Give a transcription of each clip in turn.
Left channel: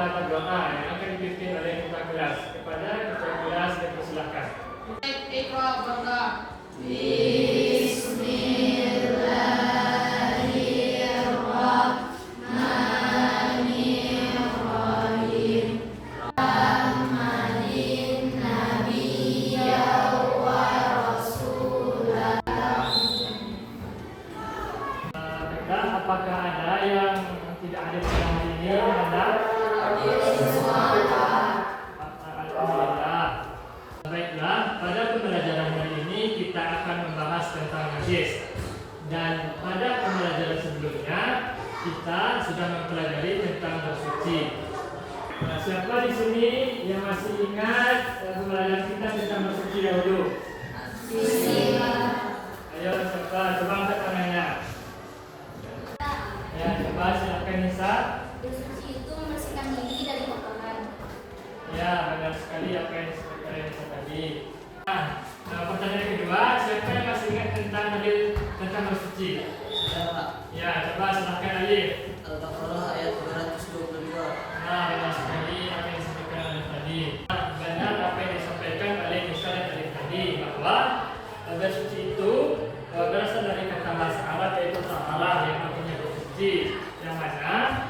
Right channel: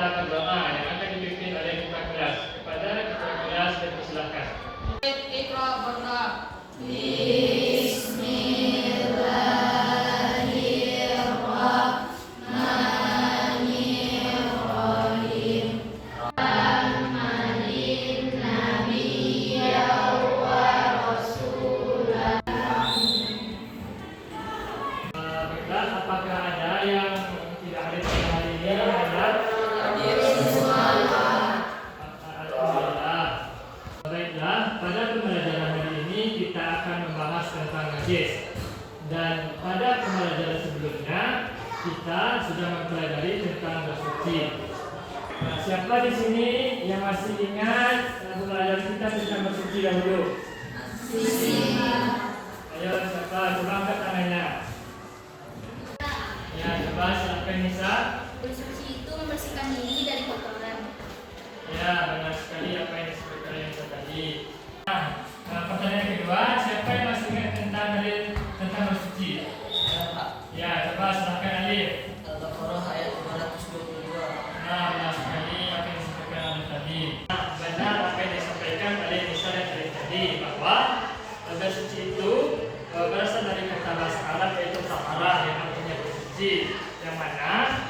kita berdoa yang akan dipimpin oleh ketua kelas. Kepada ketua kelas dipersilakan. Iqra berdoa. Apakah ada yang tidak hadir pada hari ini? Alhamdulillah. Baiklah, pada pembelajaran hari ini kita akan membahas tentang najis. Dan pada pembelajaran sebelumnya kita sudah mempelajari tentang bersuci. Nah, siapa di sini yang masih ingat pembelajaran kita tentang bersuci dahulu? Ayo, siapa? Coba angkat tangannya. Ya, coba silakan Nisa. Bersuci itu membersihkan diri dari kotoran. Ya, benar sekali apa yang disebutkan oleh Nisa tadi. Nah, pertanyaan kedua, siapa yang masih ingat tentang dalil tentang bersuci? Ya, Pak. Ya, coba silakan Alif. Al-Baqarah ayat 222. Nah, benar sekali apa yang disampaikan oleh tadi. Nah, benar apa yang disampaikan oleh Nisa dan Alif tadi bahwa bersuci itu berasal dari kata bahasa Arab yaitu taharah yang artinya bersuci, yang mana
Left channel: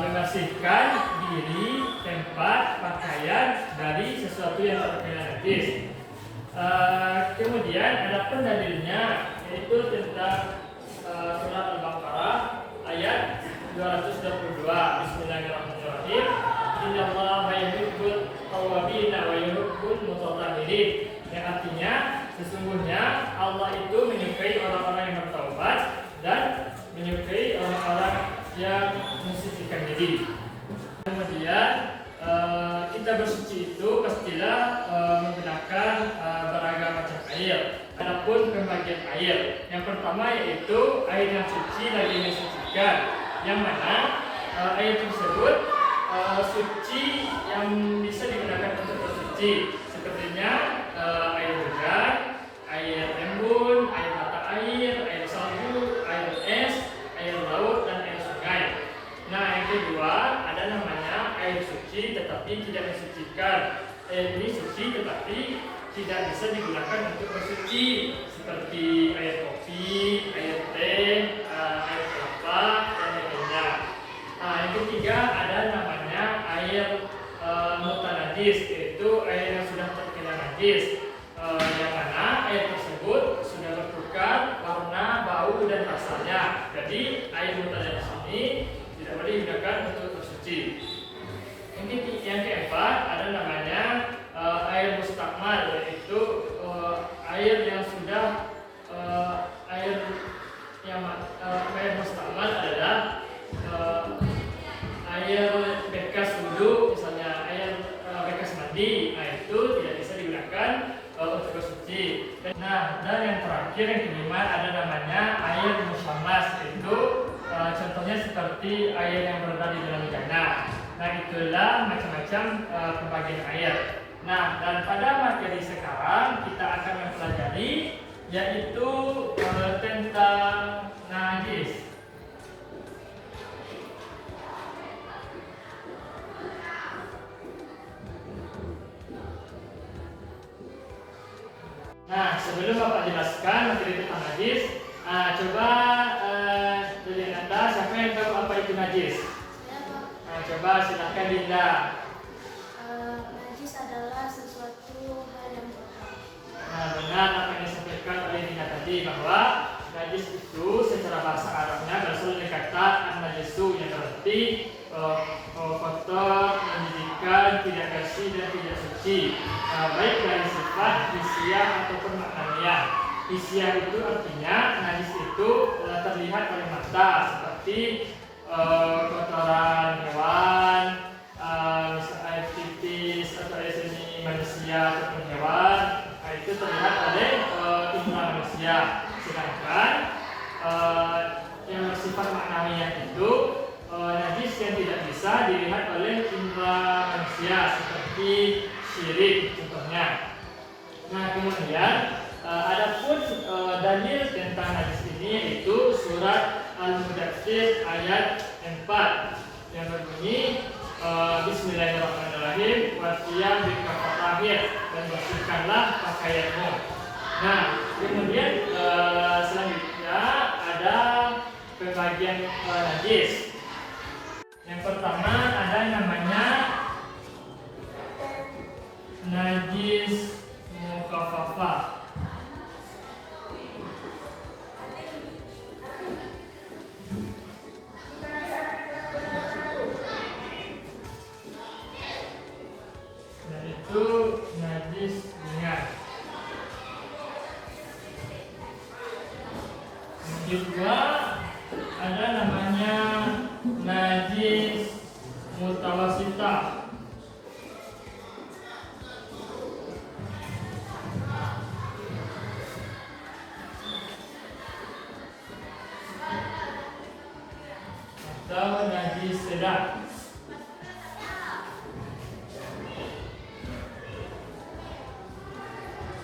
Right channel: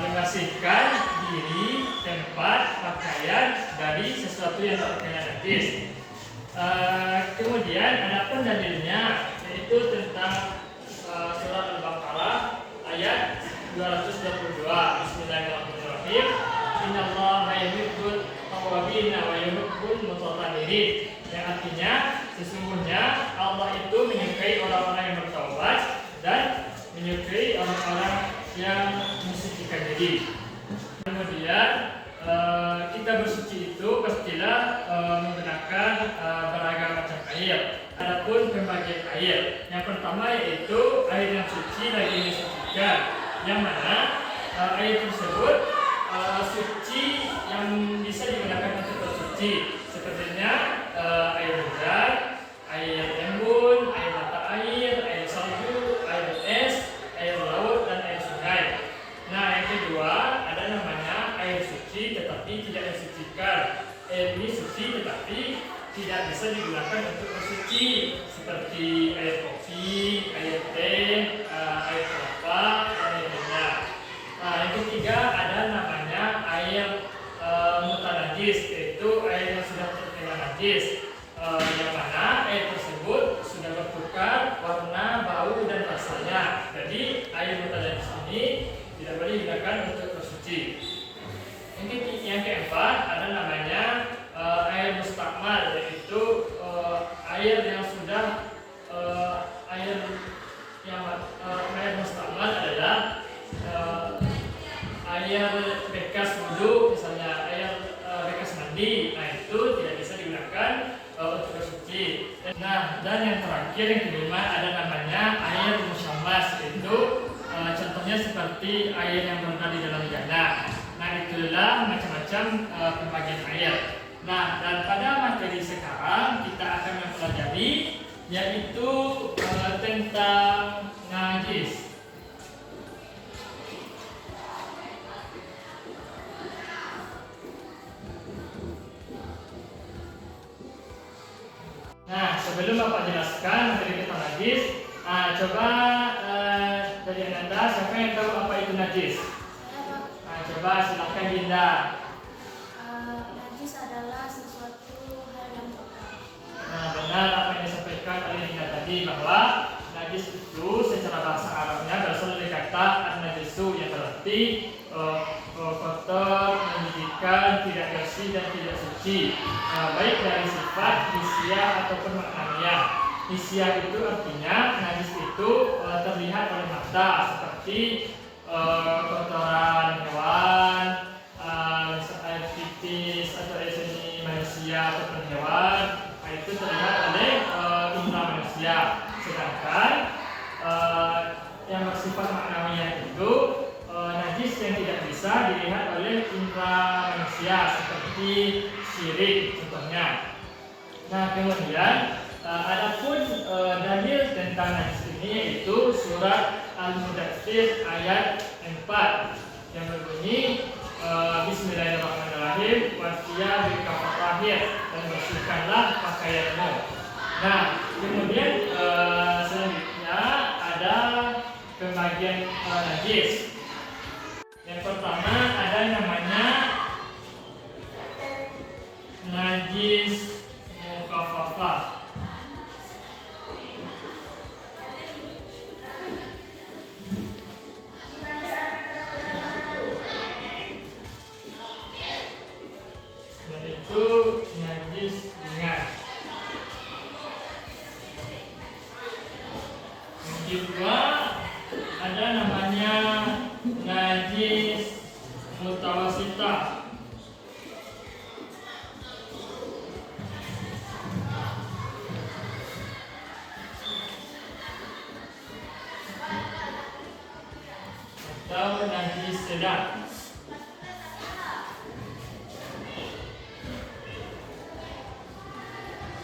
membersihkan diri, tempat, pakaian dari sesuatu yang terkena najis. Kemudian ada dalilnya yaitu tentang surat Al-Baqarah ayat 222. Bismillahirrahmanirrahim. Innallaha yuhibbut tawwabin wa yuhibbul mutatahhirin. Yang artinya sesungguhnya Allah itu menyukai orang-orang yang bertaubat dan menyukai orang-orang yang mensucikan diri. Kemudian kita bersuci itu pastilah menggunakan beragam macam air. Adapun pembagian air, yang pertama yaitu air yang suci lagi disucikan, yang mana air tersebut suci yang bisa digunakan untuk bersuci, sepertinya air hujan, air embun, air mata air, air salju, air es, air laut, dan air sungai. Nah, yang kedua ada namanya air suci tetapi tidak mensucikan. Air ini suci tetapi tidak bisa digunakan untuk bersuci, seperti air kopi, air teh, air kelapa, dan lainnya. Nah, yang ketiga ada namanya air mutanajis, yaitu air yang sudah terkena najis, yang mana air tersebut sudah bertukar warna, bau, dan rasanya. Jadi air mutanajis ini tidak boleh digunakan untuk bersuci. Yang keempat ada namanya air mustakmal, yaitu air yang sudah air mustakmal adalah air bekas wudhu, misalnya air bekas mandi. Nah, itu tidak bisa digunakan untuk bersuci. Nah, dan yang terakhir yang kelima ada namanya air musyammas, yaitu contohnya seperti air yang berada di dalam jannah. Nah, itulah macam-macam pembagian air. Nah, dan pada materi sekarang kita akan mempelajari yaitu tentang najis. Nah, sebelum Bapak jelaskan materi tentang najis, coba dari Anda siapa yang tahu apa itu najis? Nah, coba silakan Dinda. Najis adalah sesuatu hal yang kotor. Nah, benar apa yang disampaikan oleh Dinda tadi bahwa najis itu secara bahasa Arabnya berasal dari kata an-najisu, yang berarti kotor, menjijikkan, tidak bersih dan tidak suci, baik dari sifat hisiah ataupun maknawiyah. Hisiah itu artinya najis itu terlihat oleh mata, seperti kotoran hewan, misalnya pipis atau air seni manusia ataupun hewan. Nah, itu terlihat oleh indera manusia. Sedangkan yang bersifat maknawiyah itu najis yang tidak bisa dilihat oleh indera manusia, seperti syirik contohnya. Nah, kemudian adapun dalil tentang najis ini yaitu surat Al-Mudaththir ayat 4 yang berbunyi Bismillahirrahmanirrahim. Wasiyah bikafahir, dan bersihkanlah pakaianmu. Nah, kemudian selanjutnya ada pembagian najis. Yang pertama ada yang namanya najis mukhafafah. Itu najis ringan. Yang kedua ada namanya najis mutawasita. Atau najis sedang.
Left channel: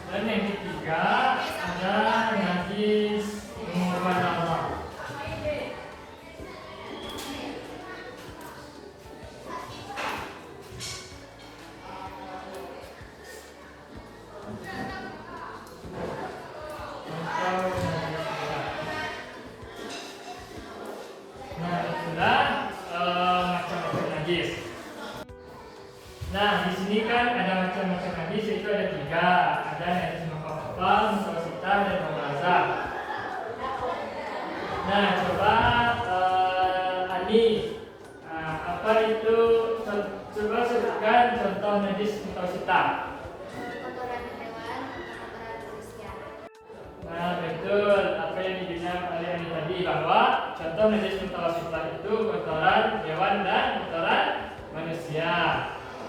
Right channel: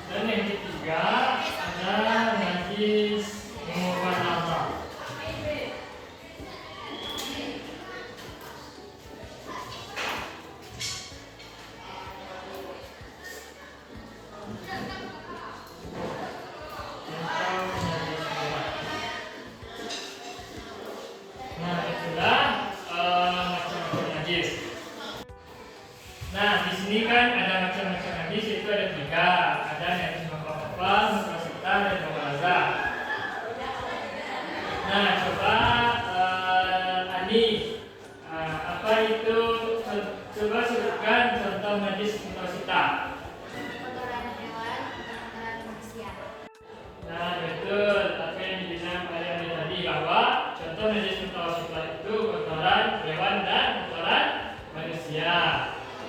Dan yang ketiga ada najis mughaladzah. Nah, itulah macam-macam najis. Nah, di sini kan ada macam-macam najis, itu ada tiga. Ada najis mukhafafah, mutawasitah, dan mughaladzah. Nah, coba Ani, apa itu? Coba sebutkan contoh najis mutawasitah. Kotoran hewan, kotoran manusia. Nah, betul apa yang dibilang oleh Ani tadi, bahwa contoh najis mutawasitah itu kotoran hewan dan kotoran manusia.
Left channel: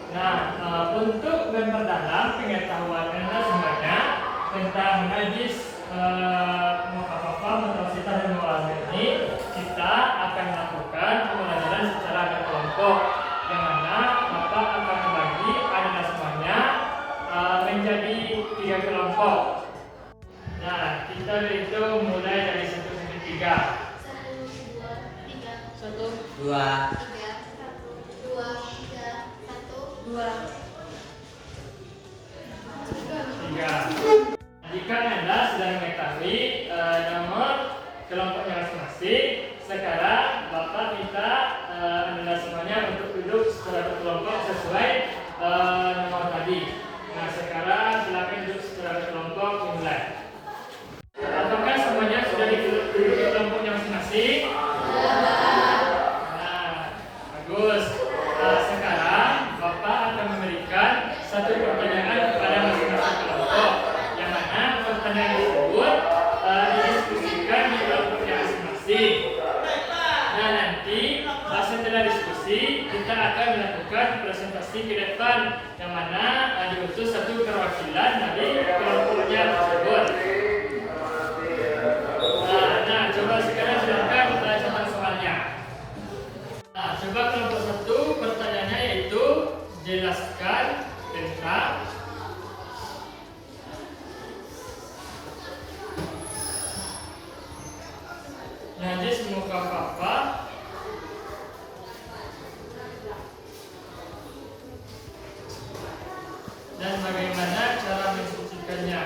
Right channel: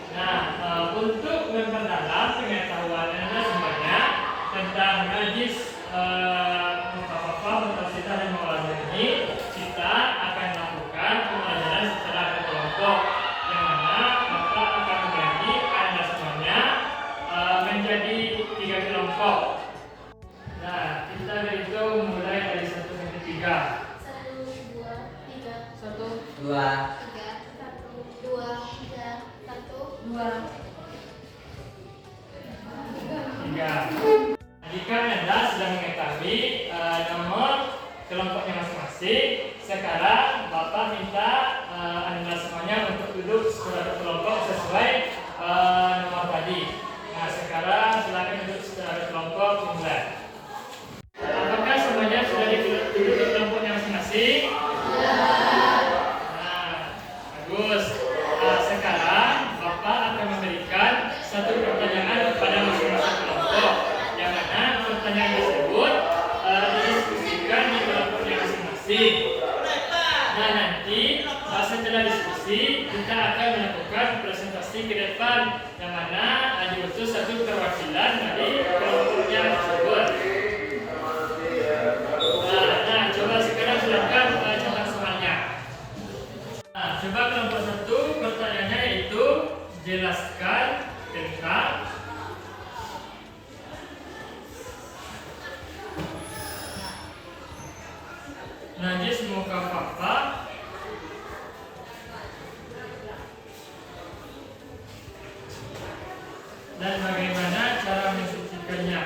Nah, untuk memperdalam pengetahuan Anda semuanya tentang najis mukhafafah, mutawasitah, dan mughaladzah ini, kita akan melakukan pembelajaran secara berkelompok, yang mana Bapak akan membagi Anda semuanya menjadi 3 kelompok. Nah, kita berhitung mulai dari 1 sampai 3. 1, 2, 3. 1, 2, 3, 1, 2, 3, 1, 2. 3. Jika Anda sudah mengetahui nomor kelompoknya masing-masing, sekarang Bapak minta Anda semuanya untuk duduk secara kelompok sesuai nomor tadi. Nah, sekarang silakan duduk secara kelompok dimulai. Apakah semuanya sudah duduk di kelompoknya masing-masing? Nah, bagus. Sekarang Bapak akan memberikan satu pertanyaan kepada masing-masing kelompok, yang mana pertanyaan tersebut didiskusikan di kelompoknya masing-masing. Nah, nanti setelah diskusi kita akan melakukan presentasi ke depan, yang mana diutus satu perwakilan dari kelompoknya tersebut. Nah, coba sekarang silakan contoh soalnya. Nah, coba kelompok 1 pertanyaannya yaitu jelaskan tentang najis mukhafafah dan bagaimana cara mensucikannya.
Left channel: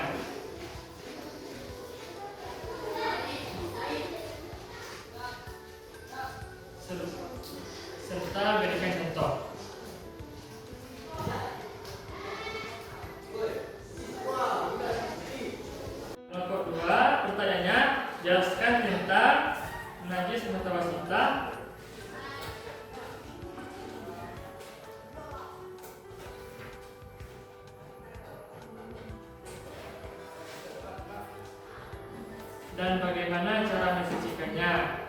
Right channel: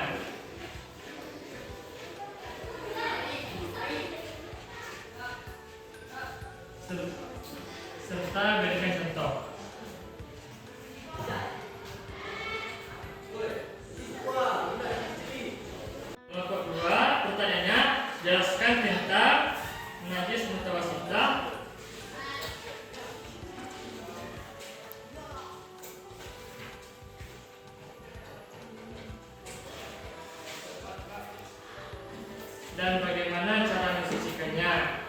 Serta berikan contoh. Kelompok 2 pertanyaannya jelaskan tentang najis mutawasitah dan bagaimana cara mensucikannya.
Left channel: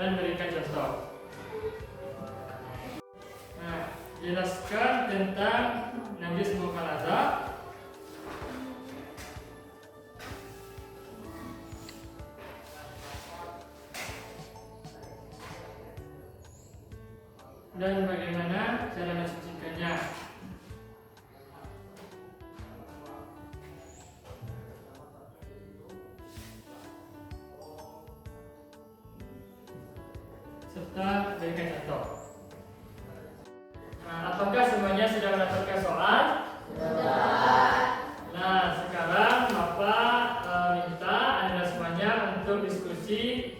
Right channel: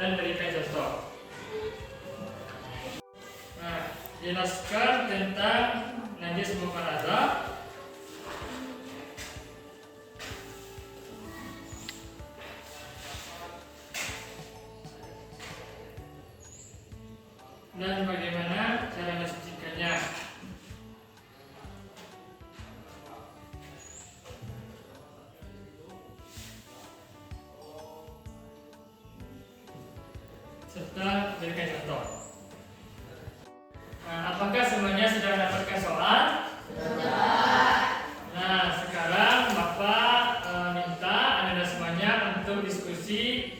Dan berikan contoh. Nah, jelaskan tentang najis mughaladzah dan bagaimana cara mensucikannya. serta berikan contoh. Nah, apakah semuanya sudah mendapatkan soal? Nah, sekarang Bapak minta Anda semuanya untuk diskusi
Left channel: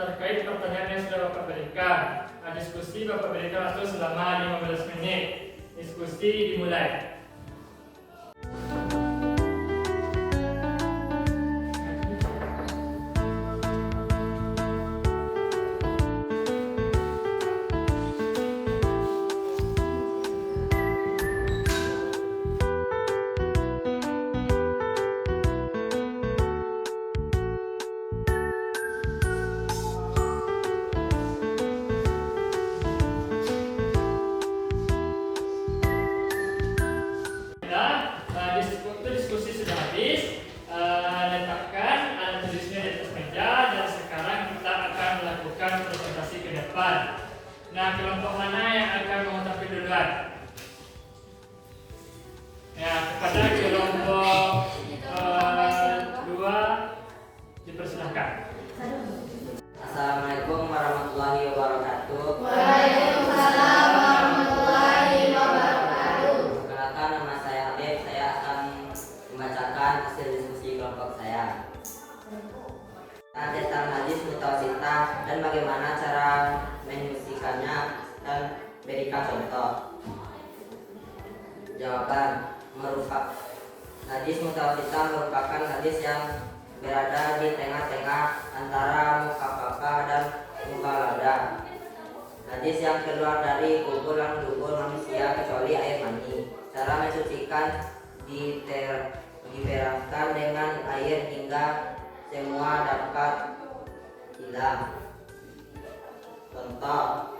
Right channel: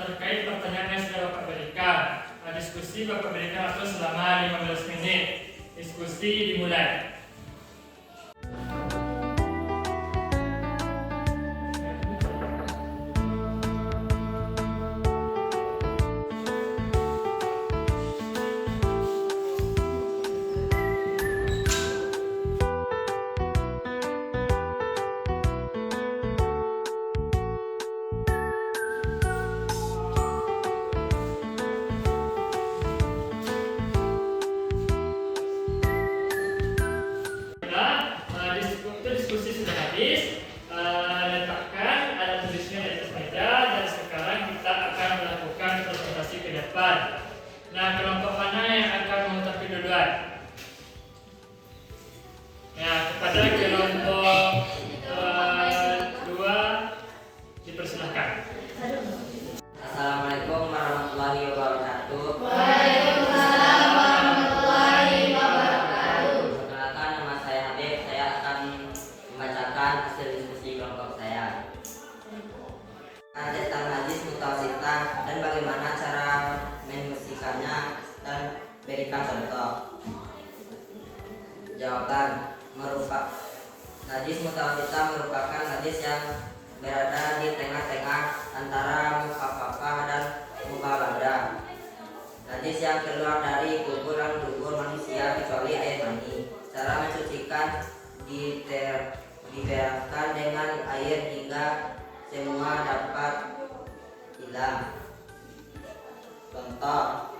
terkait pertanyaan yang sudah Bapak berikan. Diskusi Bapak berikan waktu selama 15 menit. Diskusi dimulai. Diskusi sudah habis. Letakkan alat tulisnya di atas meja dan sekarang kita akan melakukan presentasi ke depan. Nah, kelompok mana yang akan mengetahui duluan? Ya, kepada kelompok 2 dipersilahkan. Assalamualaikum warahmatullahi wabarakatuh. Waalaikumsalam warahmatullahi wabarakatuh. Perkenalkan, nama saya Habib. Saya akan membacakan hasil diskusi kelompok saya tentang najis mutawasitah dan bagaimana cara menyucikannya dan berikan contoh. Jawaban: najis mutawasitah merupakan najis yang berada di tengah-tengah antara mukhaffafah dan mughaladah. Najis yang keluar dari kubur dan dubur manusia kecuali air mani. Cara mencucikan dibereskan dengan air hingga semua dapat hilang. Contoh:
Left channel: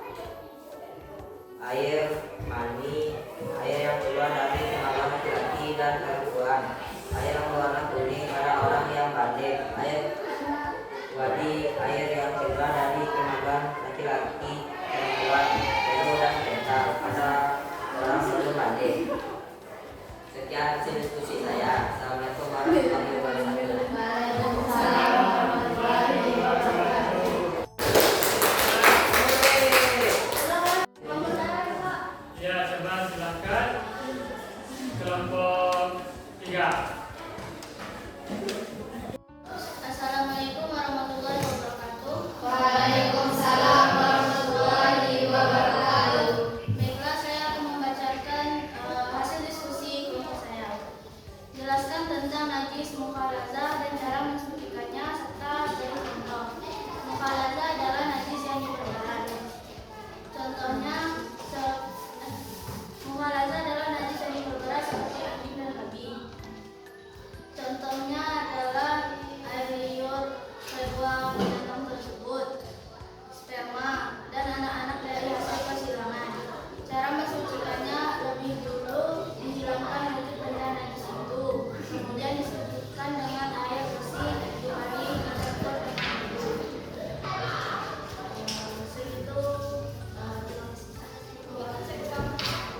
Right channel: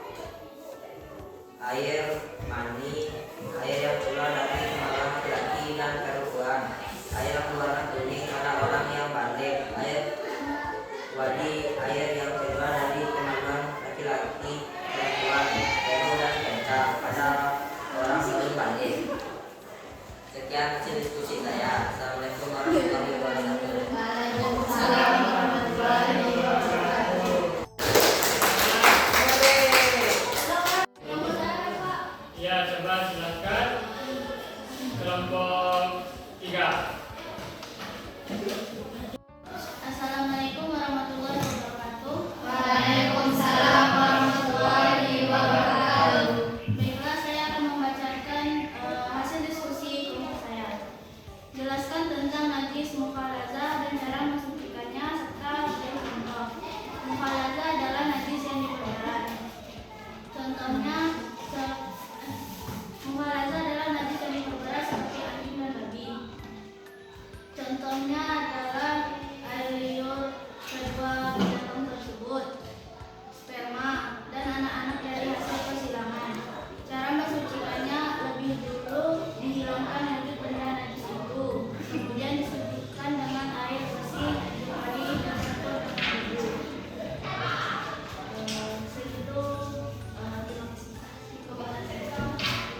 air mani, air yang keluar dari kemaluan laki-laki dan perempuan, air yang berwarna kuning pada orang yang balik, air wadi, air yang keluar dari kemaluan laki-laki, perempuan, peru dan kental pada orang belum balik. Sekian hasil diskusi saya. Assalamualaikum warahmatullahi wabarakatuh. Waalaikumsalam warahmatullahi wabarakatuh. Ya, coba silakan kelompok 3. Assalamualaikum warahmatullahi wabarakatuh. Waalaikumsalam warahmatullahi wabarakatuh. Baiklah, saya akan membacakan hasil diskusi kelompok saya. Jelaskan tentang najis mukhalazah dan cara mensucikannya serta beri contoh. Mukhalazah adalah najis yang diperberat. Contohnya, mukhalazah adalah najis yang diperberat seperti anjing dan babi. Contohnya adalah air liur kedua binatang tersebut, sperma, dan anak-anak dari hasil persilangan. Cara mensucikannya: lebih dulu dihilangkan wujud benda najis itu, kemudian disucikan dengan air bersih, mari dicampur dengan wudhu. Segitu.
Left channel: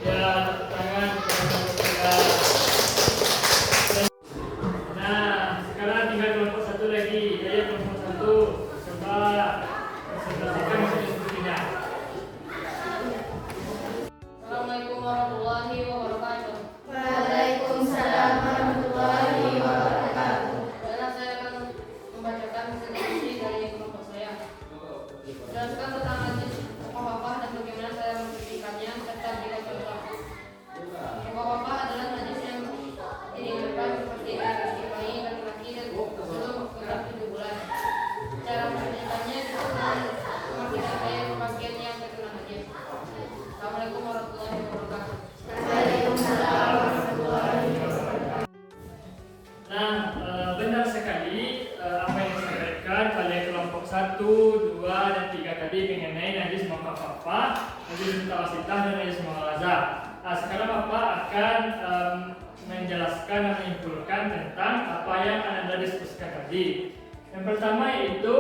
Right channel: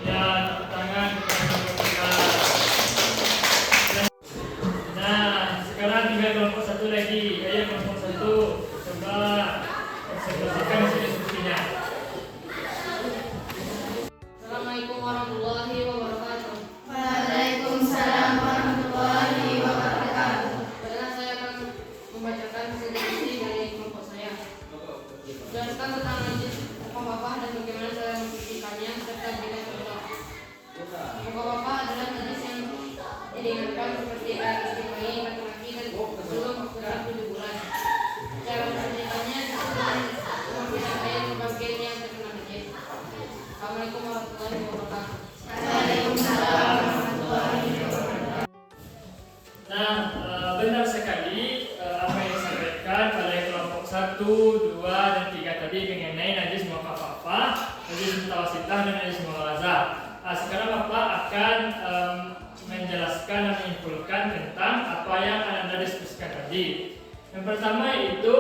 Ya, tepuk tangan untuk kelompok 3. Nah, sekarang tinggal kelompok 1 lagi. Ayo kelompok 1, coba presentasikan hasil diskusinya. Assalamualaikum warahmatullahi wabarakatuh. Waalaikumsalam warahmatullahi wabarakatuh. Baiklah, saya akan membacakan hasil diskusi dari kelompok saya. Jelaskan tentang najis mukhaffafah dan bagaimana cara mencucikannya serta berikan contoh. Mukhaffafah adalah najis yang diringankan seperti air menstruasi laki-laki dan sebelum waktu 7 bulan. Cara mencucikannya dengan memasukkan air ke bagian yang terkena najis. Assalamualaikum warahmatullahi wabarakatuh. Waalaikumsalam warahmatullahi wabarakatuh. Nah, benar sekali apa yang disampaikan oleh kelompok 1, 2, dan 3 tadi mengenai najis mukhaffafah, najis mutawasitah, dan najis mughalazah. Sekarang Bapak akan menjelaskan dan menyimpulkan tentang apa yang Anda diskusikan tadi. Yang pertama yaitu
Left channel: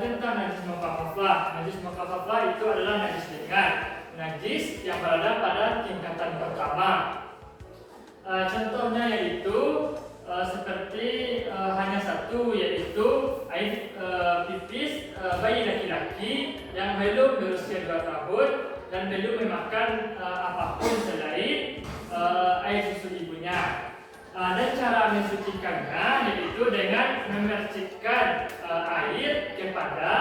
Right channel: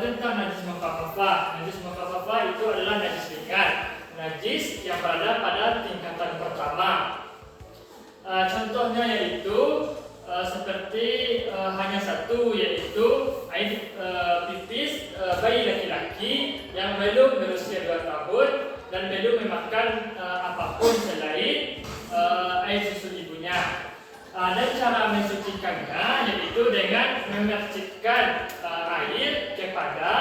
tentang najis mukhaffafah. Najis mukhaffafah itu adalah najis ringan, najis yang berada pada tingkatan pertama. Contohnya yaitu seperti hanya satu, yaitu air pipis bayi laki-laki yang belum berusia 2 tahun dan belum memakan apapun selain air susu ibunya. Dan cara mensucikannya yaitu dengan memercikkan air kepada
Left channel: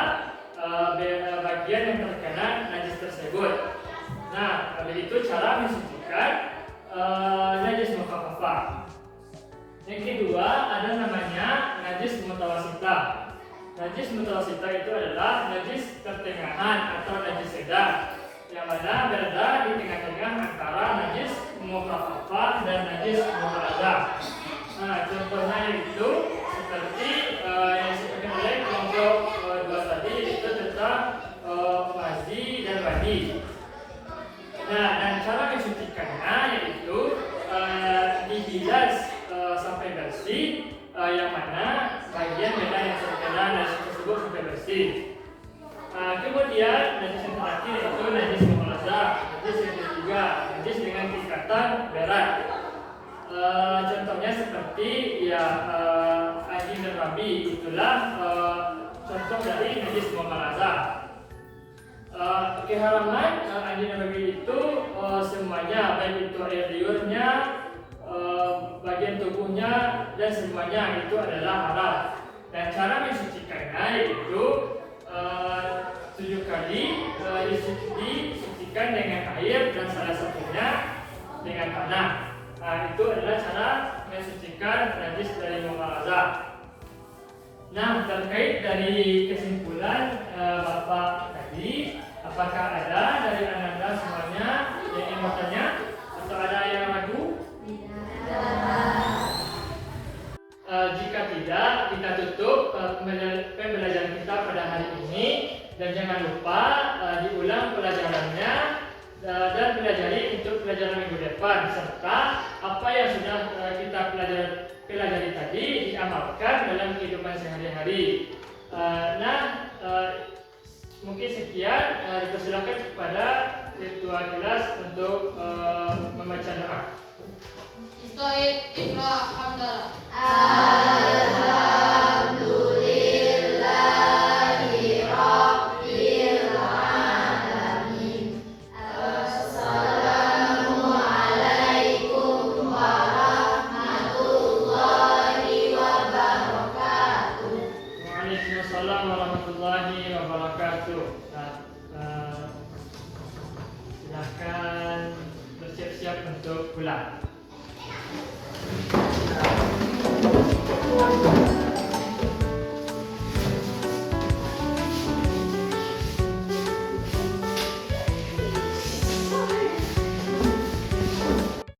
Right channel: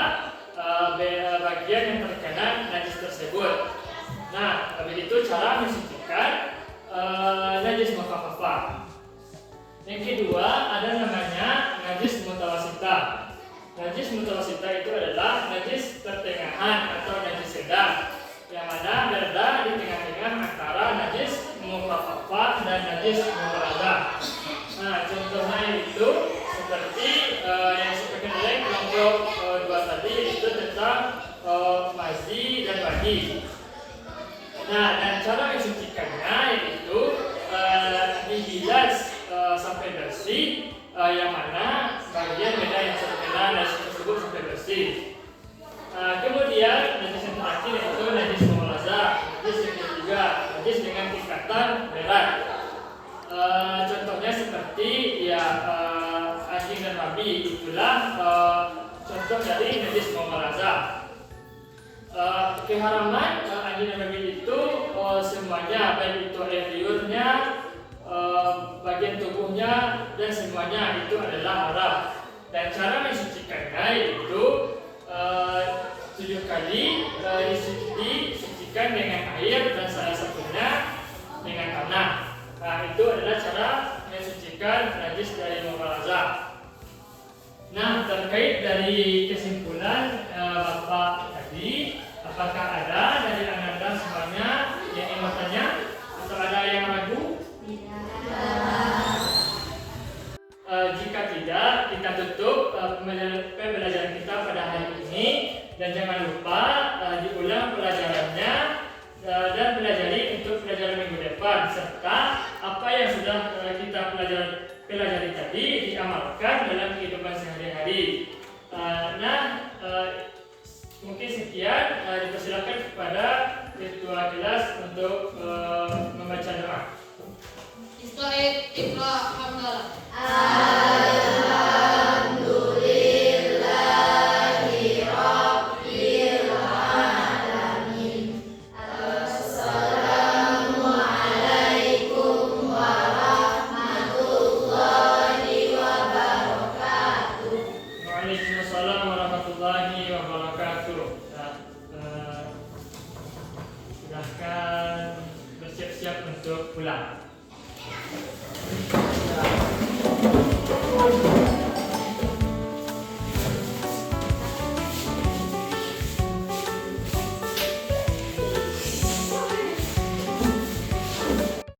bagian yang terkena najis tersebut. Nah, begitu cara mensucikan najis mukhaffafah. Yang kedua ada namanya najis mutawasitah. Najis mutawasitah itu adalah najis pertengahan atau najis sedang, yang mana berada di tengah-tengah antara najis mukhaffafah dan najis mughaladzah. Nah, contohnya itu seperti yang disebutkan oleh kelompok 2 tadi, itu tentang mazi dan wadi. Nah, dan cara mensucikannya yaitu dibilas sampai bersih, yang mana bagian medan yang terkena najis tersebut sampai bersih. Kemudian najis yang terakhir yaitu najis mughaladzah. Najis yang ketiga, najis dengan tingkatan berat. Contohnya seperti anjing dan babi, itulah contoh dari najis mughaladzah. Keharaman anjing dan babi itu semuanya, baik itu air liurnya, bagian tubuhnya, dan semuanya itu adalah haram. Dan cara mensucikannya yaitu 7 kali disucikan dengan air dan salah satunya dengan tanah. Nah, itu adalah cara mensucikan najis dari mughaladzah. Nah, terkait dari kesimpulan Bapak tadi, apakah ada dari anda semuanya yang ingin bertanya atau ada yang ragu? Jika tidak, kita tutup pembelajaran kita pada hari ini, dan jangan lupa diulang pelajarannya dan pelajari untuk pelajaran minggu depan, serta apa yang sudah kita pelajari tadi diamalkan dalam kehidupan sehari-hari. Mungkin sekian, dipersilakan kepada ketua kelas untuk membaca doa. Istaid Iqra Hamdalah. Alhamdulillahi Rabbil Alamin. Assalamualaikum warahmatullahi wabarakatuh. Waalaikumsalam warahmatullahi wabarakatuh. Silahkan bersiap-siap untuk pulang.